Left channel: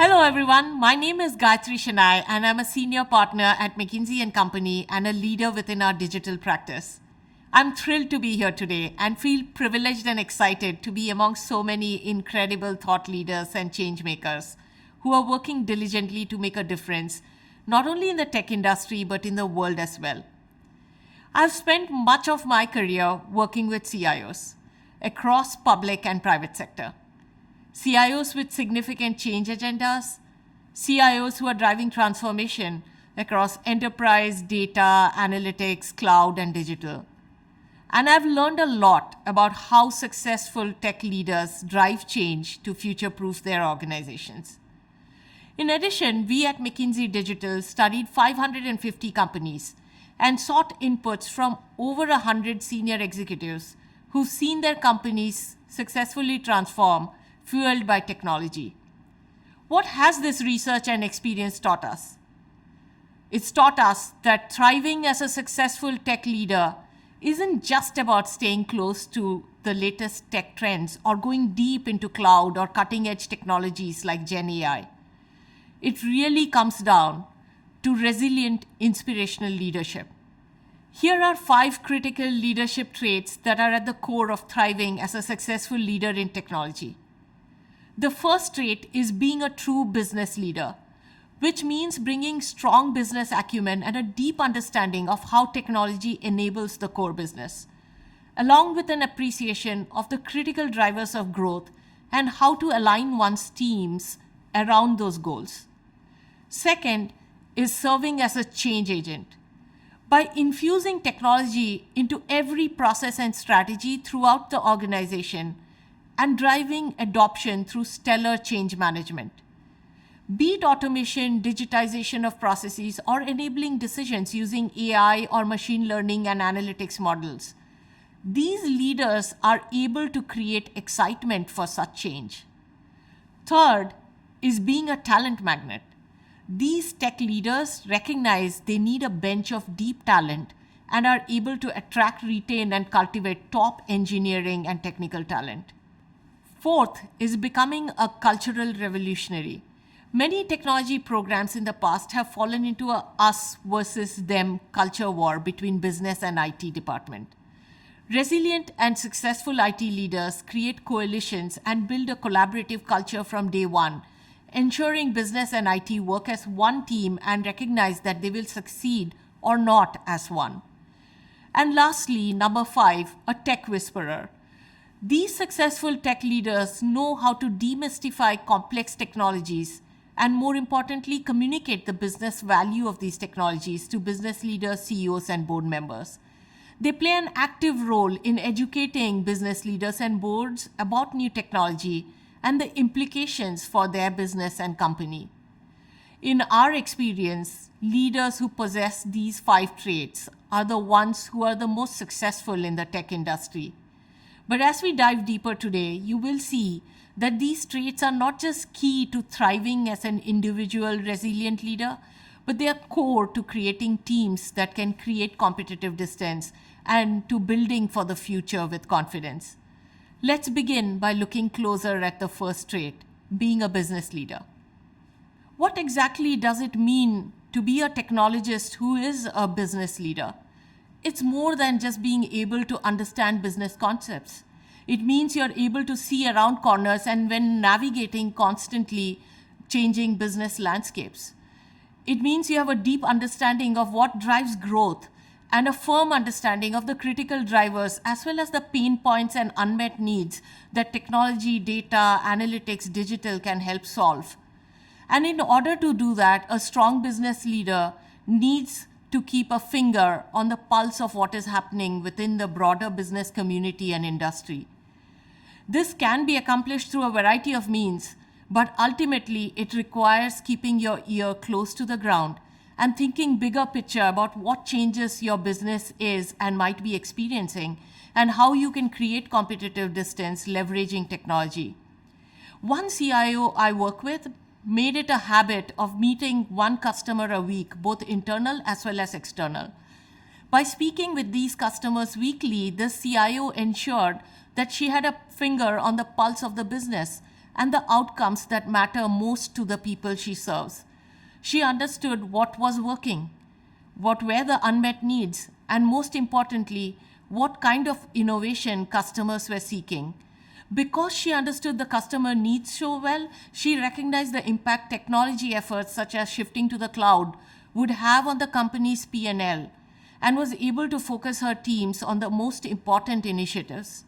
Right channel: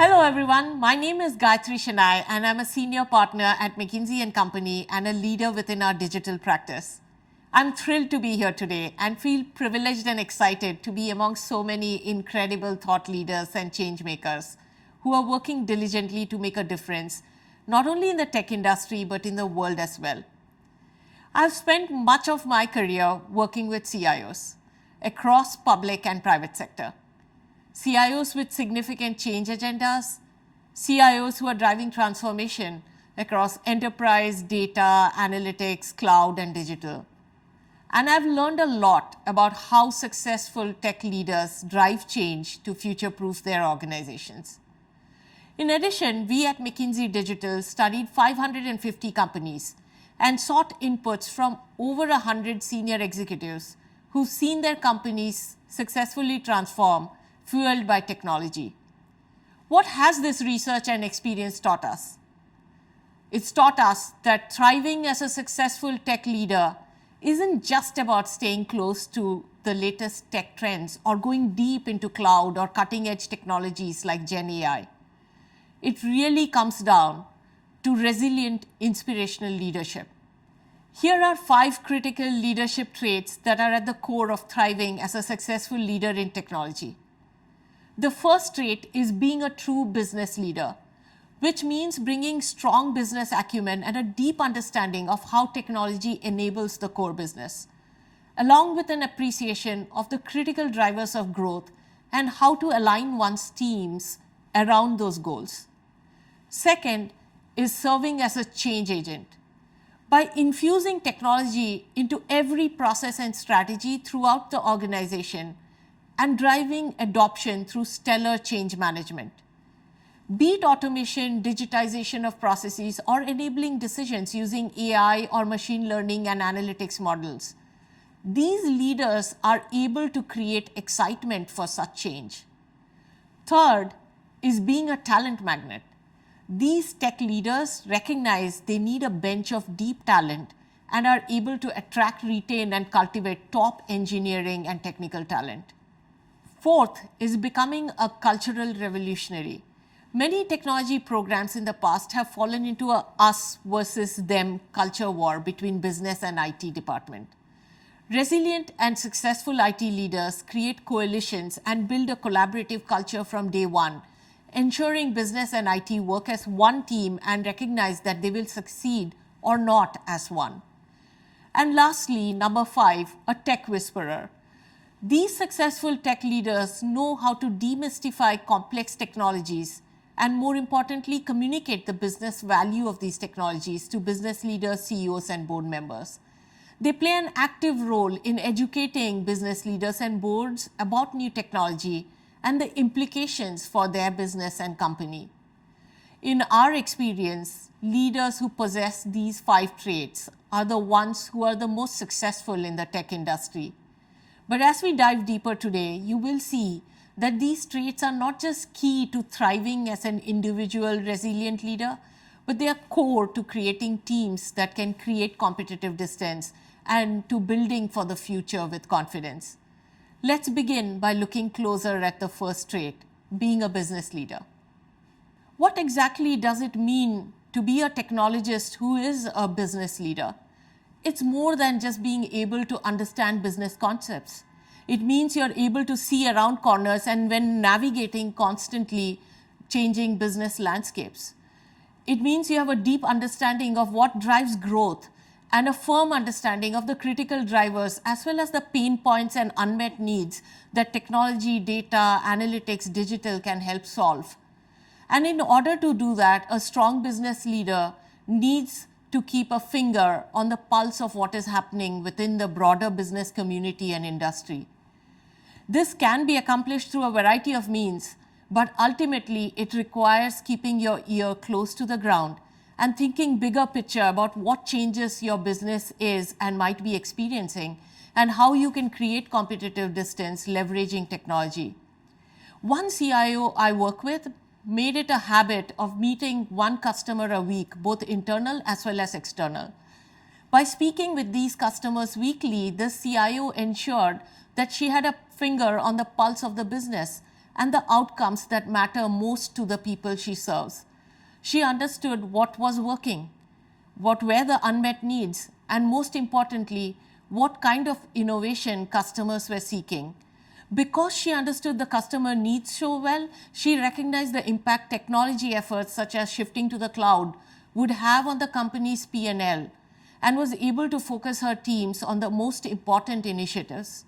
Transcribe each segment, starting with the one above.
Hello everyone, my name is Gayatri Shenai and I'm a senior partner at McKinsey & Company and a leader within our digital practice. I'm thrilled to be here today and feel privileged and excited to be among so many incredible thought leaders and change makers who are working diligently to make a difference, not only in the tech industry but in the world as well. I've spent much of my career working with CIOs across public and private sector. CIOs with significant change agendas, CIOs who are driving transformation across enterprise, data, analytics, cloud, and digital. And I've learned a lot about how successful tech leaders drive change to future-proof their organizations. In addition, we at McKinsey Digital studied 550 companies and sought inputs from over 100 senior executives who've seen their companies successfully transform fueled by technology. What has this research and experience taught us? It's taught us that thriving as a successful tech leader isn't just about staying close to the latest tech trends or going deep into cloud or cutting-edge technologies like Gen AI. It really comes down to resilient, inspirational leadership. Here are 5 critical leadership traits that are at the core of thriving as a successful leader in technology. The first trait is being a true business leader, which means bringing strong business acumen and a deep understanding of how technology enables the core business, along with an appreciation of the critical drivers of growth and how to align one's teams around those goals. Second is serving as a change agent. By infusing technology into every process and strategy throughout the organization, and driving adoption through stellar change management. Be it automation, digitization of processes, or enabling decisions using AI or machine learning and analytics models, these leaders are able to create excitement for such change. Third is being a talent magnet. These tech leaders recognize they need a bench of deep talent and are able to attract, retain, and cultivate top engineering and technical talent. Fourth is becoming a cultural revolutionary. Many technology programs in the past have fallen into a us versus them culture war between business and IT department. Resilient and successful IT leaders create coalitions and build a collaborative culture from day one, ensuring business and IT work as one team and recognize that they will succeed or not as one. And lastly, number 5, a tech whisperer. These successful tech leaders know how to demystify complex technologies and, more importantly, communicate the business value of these technologies to business leaders, CEOs, and board members. They play an active role in educating business leaders and boards about new technology and the implications for their business and company. In our experience, leaders who possess these 5 traits are the ones who are the most successful in the tech industry. But as we dive deeper today, you will see that these traits are not just key to thriving as an individual resilient leader, but they are core to creating teams that can create competitive distance and to building for the future with confidence. Let's begin by looking closer at the first trait, being a business leader. What exactly does it mean to be a technologist who is a business leader? It's more than just being able to understand business concepts. It means you're able to see around corners and when navigating constantly changing business landscapes. It means you have a deep understanding of what drives growth and a firm understanding of the critical drivers as well as the pain points and unmet needs that technology, data, analytics, digital can help solve. And in order to do that, a strong business leader needs to keep a finger on the pulse of what is happening within the broader business community and industry. This can be accomplished through a variety of means, but ultimately it requires keeping your ear close to the ground and thinking bigger picture about what changes your business is and might be experiencing and how you can create competitive distance leveraging technology. One CIO I work with made it a habit of meeting one customer a week, both internal as well as external. By speaking with these customers weekly, this CIO ensured that she had a finger on the pulse of the business and the outcomes that matter most to the people she serves. She understood what was working, what were the unmet needs, and most importantly, what kind of innovation customers were seeking. Because she understood the customer needs so well, she recognized the impact technology efforts such as shifting to the cloud would have on the company's P&L and was able to focus her teams on the most important initiatives.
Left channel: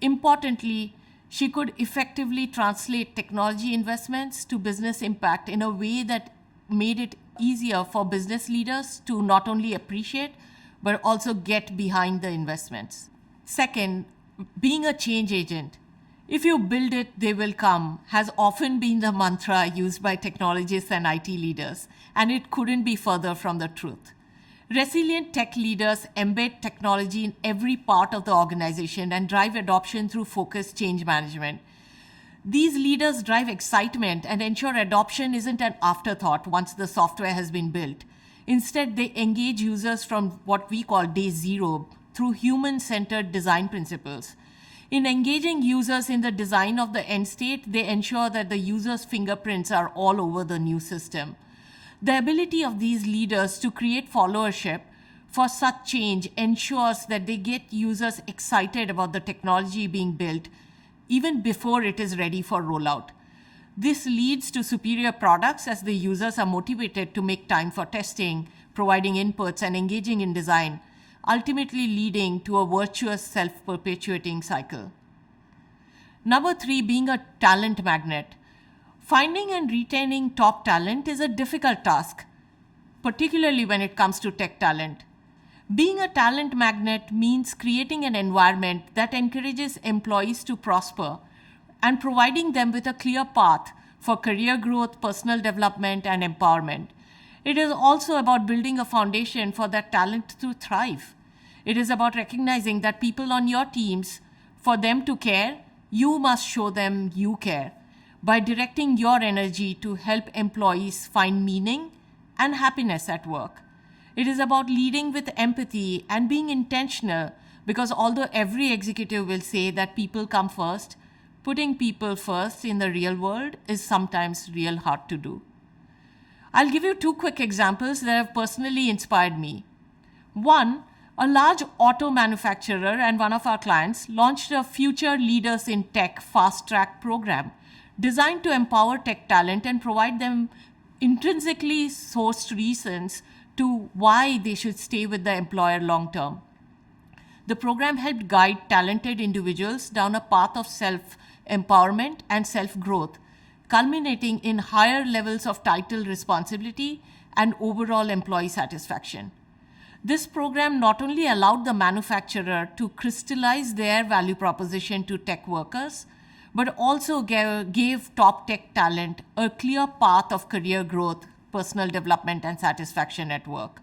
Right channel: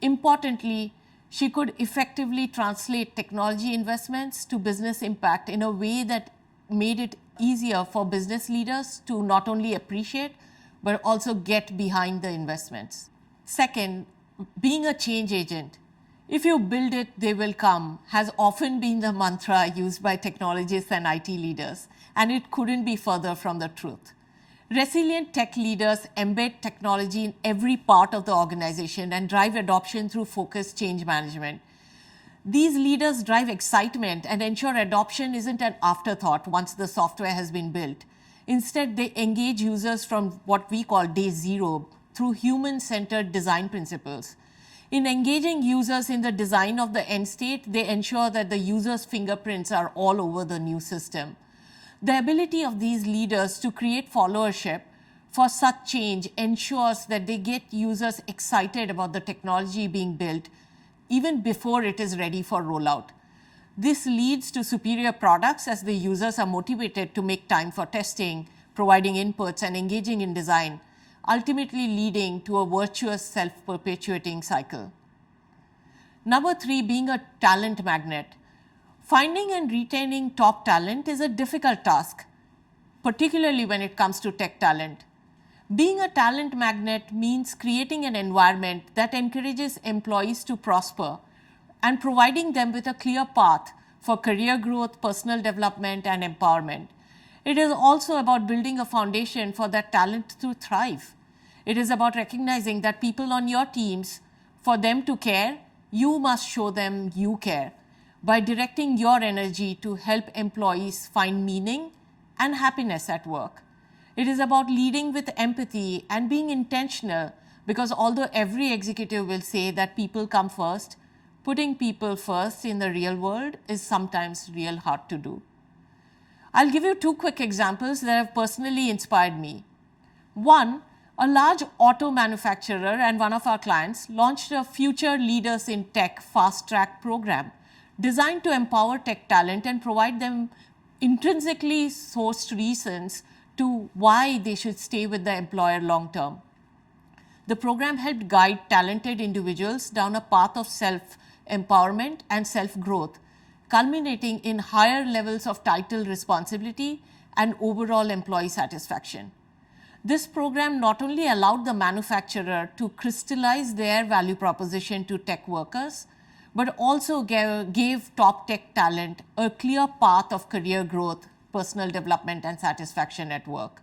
Importantly, she could effectively translate technology investments to business impact in a way that made it easier for business leaders to not only appreciate but also get behind the investments. Second, being a change agent. If you build it, they will come, has often been the mantra used by technologists and IT leaders, and it couldn't be further from the truth. Resilient tech leaders embed technology in every part of the organization and drive adoption through focused change management. These leaders drive excitement and ensure adoption isn't an afterthought once the software has been built. Instead, they engage users from what we call day zero through human-centered design principles. In engaging users in the design of the end state, they ensure that the user's fingerprints are all over the new system. The ability of these leaders to create followership for such change ensures that they get users excited about the technology being built even before it is ready for rollout. This leads to superior products as the users are motivated to make time for testing, providing inputs, and engaging in design, ultimately leading to a virtuous self-perpetuating cycle. Number 3, being a talent magnet. Finding and retaining top talent is a difficult task, particularly when it comes to tech talent. Being a talent magnet means creating an environment that encourages employees to prosper and providing them with a clear path for career growth, personal development, and empowerment. It is also about building a foundation for that talent to thrive. It is about recognizing that people on your teams, for them to care, you must show them you care by directing your energy to help employees find meaning and happiness at work. It is about leading with empathy and being intentional, because although every executive will say that people come first, putting people first in the real world is sometimes real hard to do. I'll give you 2 quick examples that have personally inspired me. One, a large auto manufacturer and one of our clients launched a Future Leaders in Tech Fast Track program designed to empower tech talent and provide them intrinsically sourced reasons to why they should stay with the employer long term. The program helped guide talented individuals down a path of self-empowerment and self-growth, culminating in higher levels of title responsibility and overall employee satisfaction. This program not only allowed the manufacturer to crystallize their value proposition to tech workers, but also gave top tech talent a clear path of career growth, personal development, and satisfaction at work.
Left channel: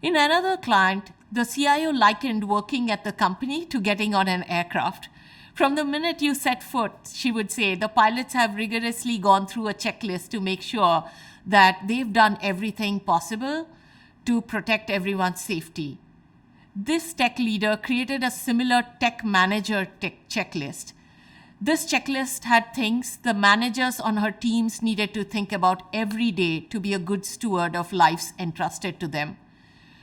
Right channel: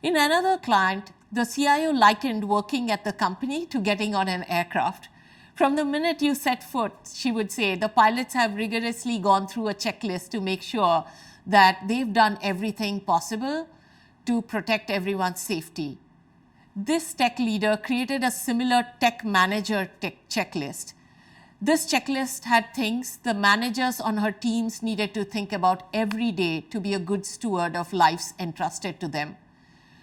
In another client, the CIO likened working at the company to getting on an aircraft. From the minute you set foot, she would say, the pilots have rigorously gone through a checklist to make sure that they've done everything possible to protect everyone's safety. This tech leader created a similar tech manager checklist. This checklist had things the managers on her teams needed to think about every day to be a good steward of lives entrusted to them.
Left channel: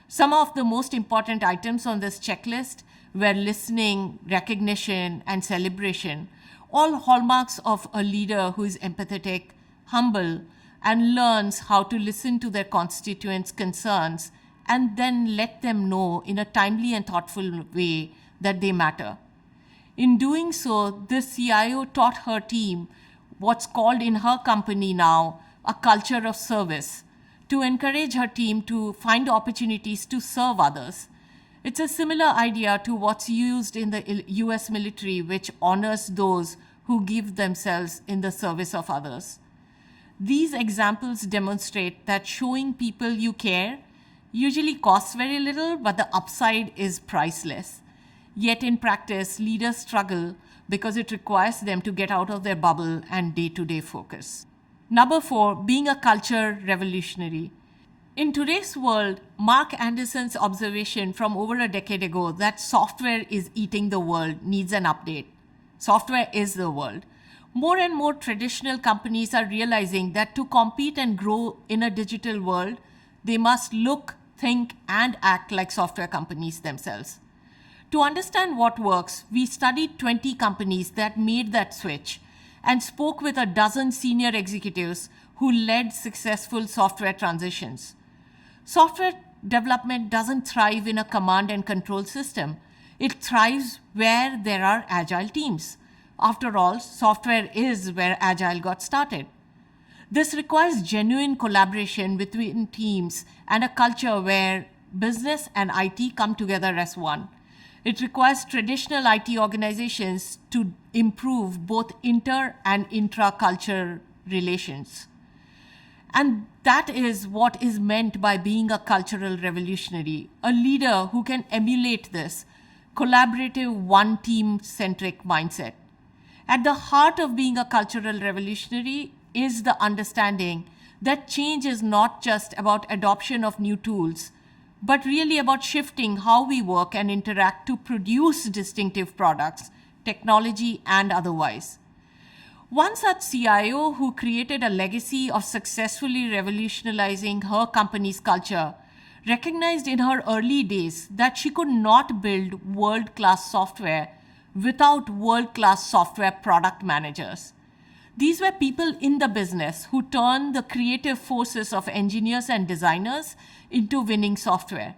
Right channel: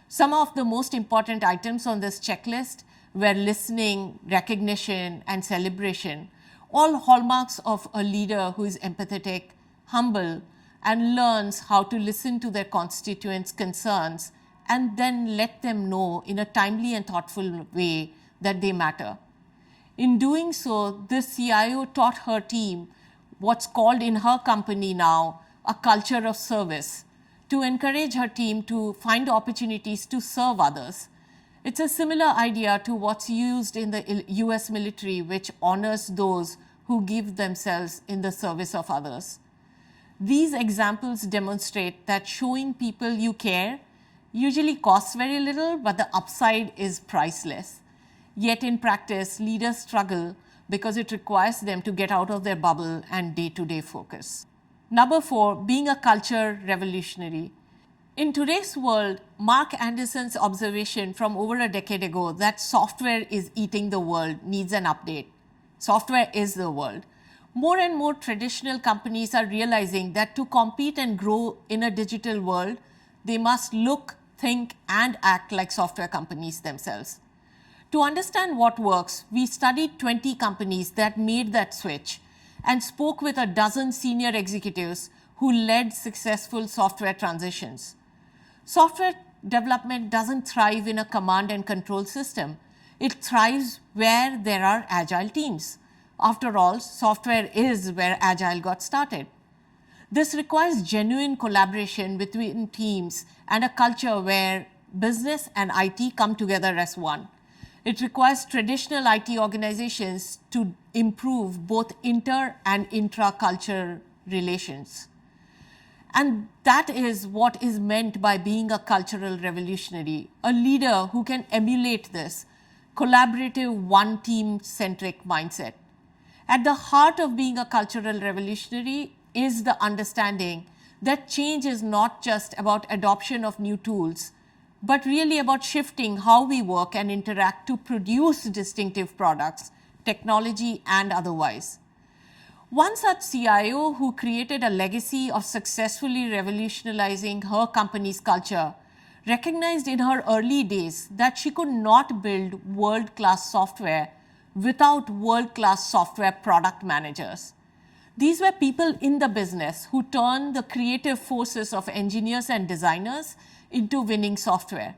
Some of the most important items on this checklist were listening, recognition, and celebration, all hallmarks of a leader who is empathetic, humble, and learns how to listen to their constituents' concerns and then let them know in a timely and thoughtful way that they matter. In doing so, this CIO taught her team what's called in her company now a culture of service, to encourage her team to find opportunities to serve others. It's a similar idea to what's used in the US military, which honors those who give themselves in the service of others. These examples demonstrate that showing people you care usually costs very little, but the upside is priceless. Yet in practice, leaders struggle because it requires them to get out of their bubble and day-to-day focus. Number 4, being a culture revolutionary. In today's world, Mark Anderson's observation from over a decade ago that software is eating the world needs an update. Software is the world. More and more traditional companies are realizing that to compete and grow in a digital world, they must look, think, and act like software companies themselves. To understand what works, we studied 20 companies that made that switch and spoke with a dozen senior executives who led successful software transitions. Software development doesn't thrive in a command and control system. It thrives where there are agile teams. After all, software is where agile got started. This requires genuine collaboration between teams and a culture where business and IT come together as one. It requires traditional IT organizations to improve both inter and intra-culture relations. And that is what is meant by being a cultural revolutionary, a leader who can emulate this collaborative, one team centric mindset. At the heart of being a cultural revolutionary is the understanding that change is not just about adoption of new tools, but really about shifting how we work and interact to produce distinctive products, technology and otherwise. One such CIO who created a legacy of successfully revolutionizing her company's culture recognized in her early days that she could not build world-class software without world-class software product managers. These were people in the business who turned the creative forces of engineers and designers into winning software.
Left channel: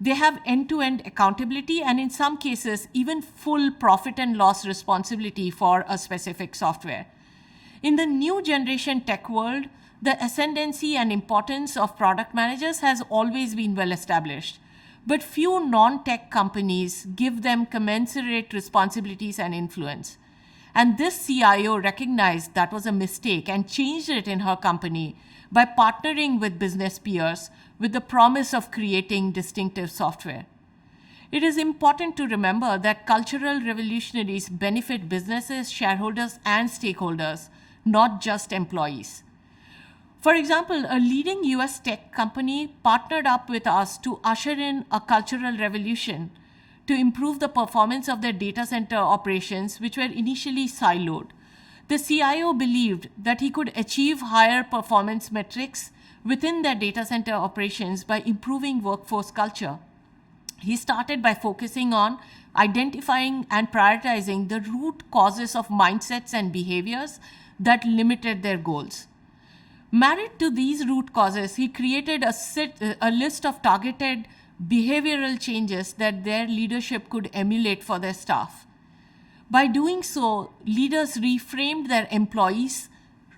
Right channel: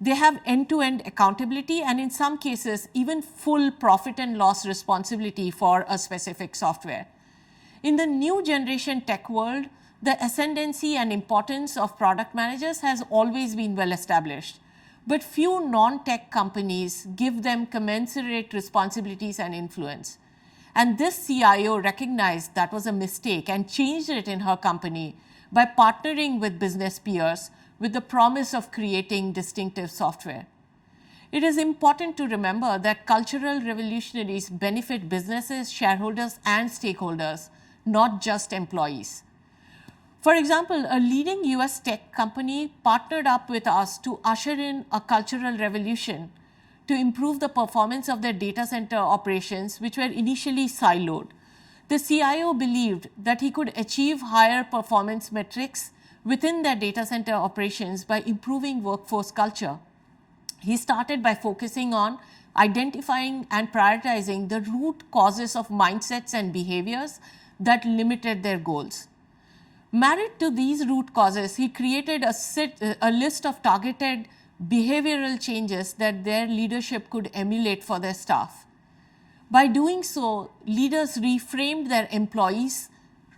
They have end-to-end accountability and in some cases even full profit and loss responsibility for a specific software. In the new generation tech world, the ascendancy and importance of product managers has always been well established. But few non-tech companies give them commensurate responsibilities and influence. And this CIO recognized that was a mistake and changed it in her company by partnering with business peers with the promise of creating distinctive software. It is important to remember that cultural revolutionaries benefit businesses, shareholders, and stakeholders, not just employees. For example, a leading US tech company partnered up with us to usher in a cultural revolution to improve the performance of their data center operations, which were initially siloed. The CIO believed that he could achieve higher performance metrics within their data center operations by improving workforce culture. He started by focusing on identifying and prioritizing the root causes of mindsets and behaviors that limited their goals. Married to these root causes, he created a list of targeted behavioral changes that their leadership could emulate for their staff. By doing so, leaders reframed their employees'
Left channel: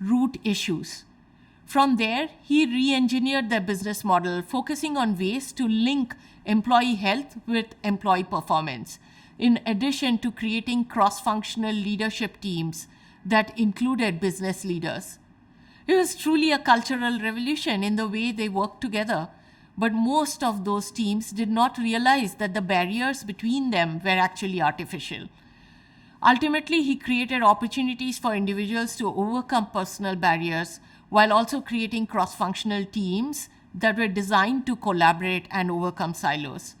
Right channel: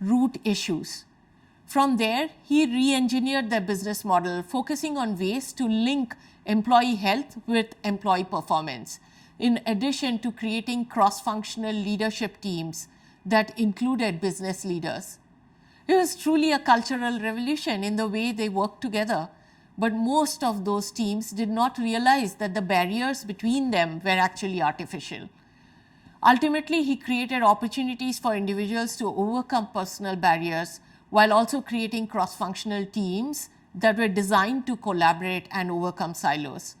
root issues. From there, he re-engineered their business model, focusing on ways to link employee health with employee performance, in addition to creating cross-functional leadership teams that included business leaders. It was truly a cultural revolution in the way they worked together, but most of those teams did not realize that the barriers between them were actually artificial. Ultimately, he created opportunities for individuals to overcome personal barriers while also creating cross-functional teams that were designed to collaborate and overcome silos.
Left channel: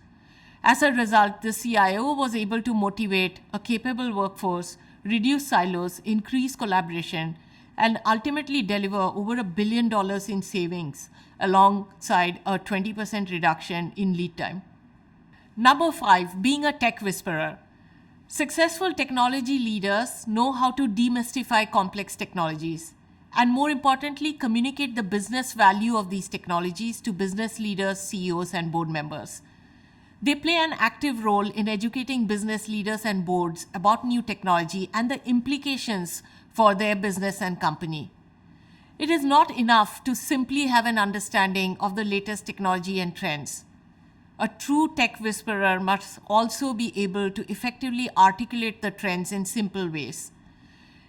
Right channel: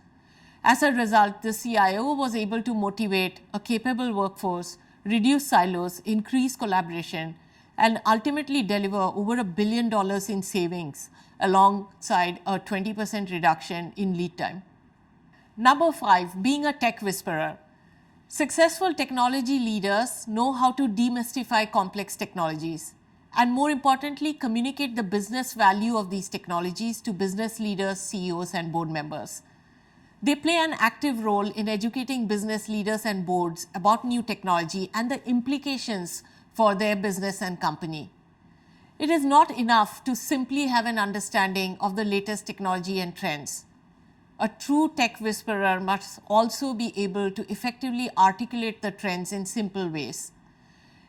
As a result, the CIO was able to motivate a capable workforce, reduce silos, increase collaboration, and ultimately deliver over $1 billion in savings alongside a 20% reduction in lead time. Number 5, being a tech whisperer. Successful technology leaders know how to demystify complex technologies and, more importantly, communicate the business value of these technologies to business leaders, CEOs, and board members. They play an active role in educating business leaders and boards about new technology and the implications for their business and company. It is not enough to simply have an understanding of the latest technology and trends. A true tech whisperer must also be able to effectively articulate the trends in simple ways.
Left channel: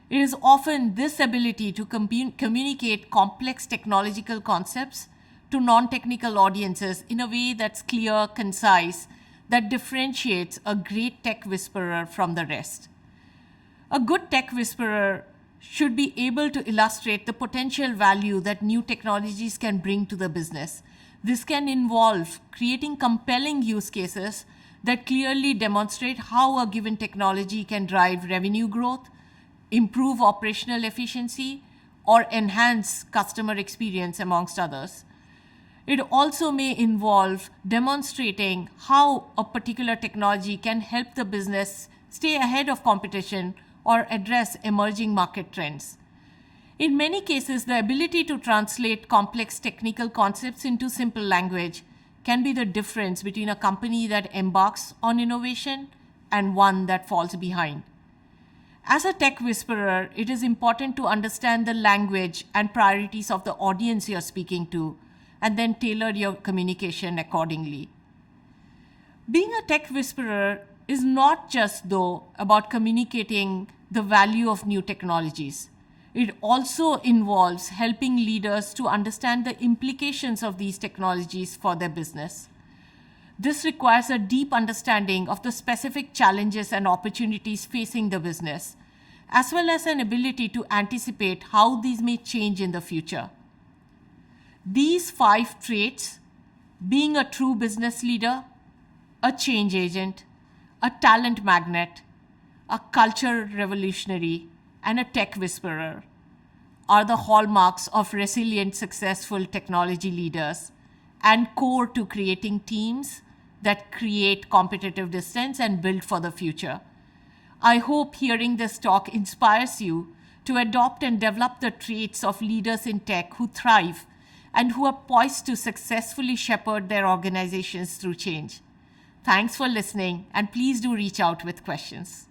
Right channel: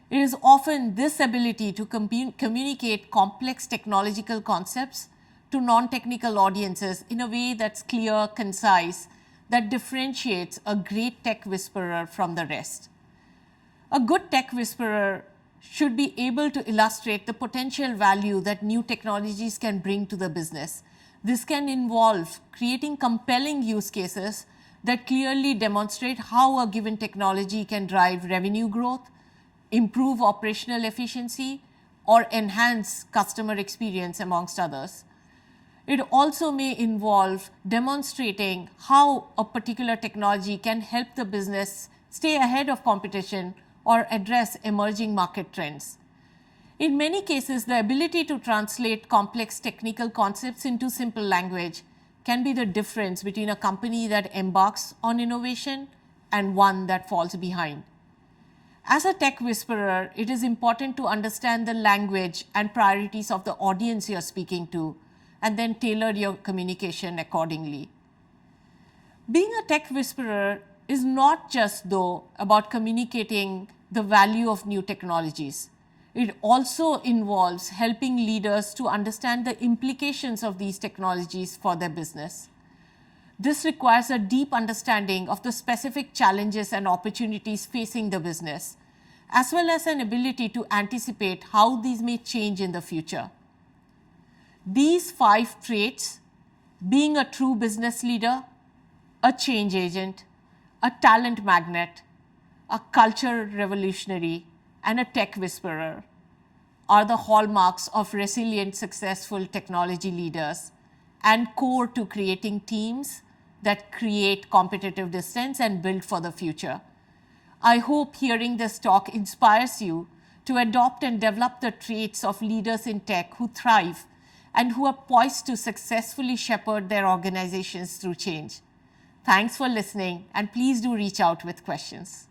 It is often this ability to communicate complex technological concepts to non-technical audiences in a way that's clear, concise, that differentiates a great tech whisperer from the rest. A good tech whisperer should be able to illustrate the potential value that new technologies can bring to the business. This can involve creating compelling use cases that clearly demonstrate how a given technology can drive revenue growth, improve operational efficiency, or enhance customer experience, amongst others. It also may involve demonstrating how a particular technology can help the business stay ahead of competition or address emerging market trends. In many cases, the ability to translate complex technical concepts into simple language can be the difference between a company that embarks on innovation and one that falls behind. As a tech whisperer, it is important to understand the language and priorities of the audience you're speaking to, and then tailor your communication accordingly. Being a tech whisperer is not just, though, about communicating the value of new technologies. It also involves helping leaders to understand the implications of these technologies for their business. This requires a deep understanding of the specific challenges and opportunities facing the business, as well as an ability to anticipate how these may change in the future. These 5 traits, being a true business leader, a change agent, a talent magnet, a culture revolutionary, and a tech whisperer, are the hallmarks of resilient, successful technology leaders and core to creating teams that create competitive distance and build for the future. I hope hearing this talk inspires you to adopt and develop the traits of leaders in tech who thrive and who are poised to successfully shepherd their organizations through change. Thanks for listening, and please do reach out with questions.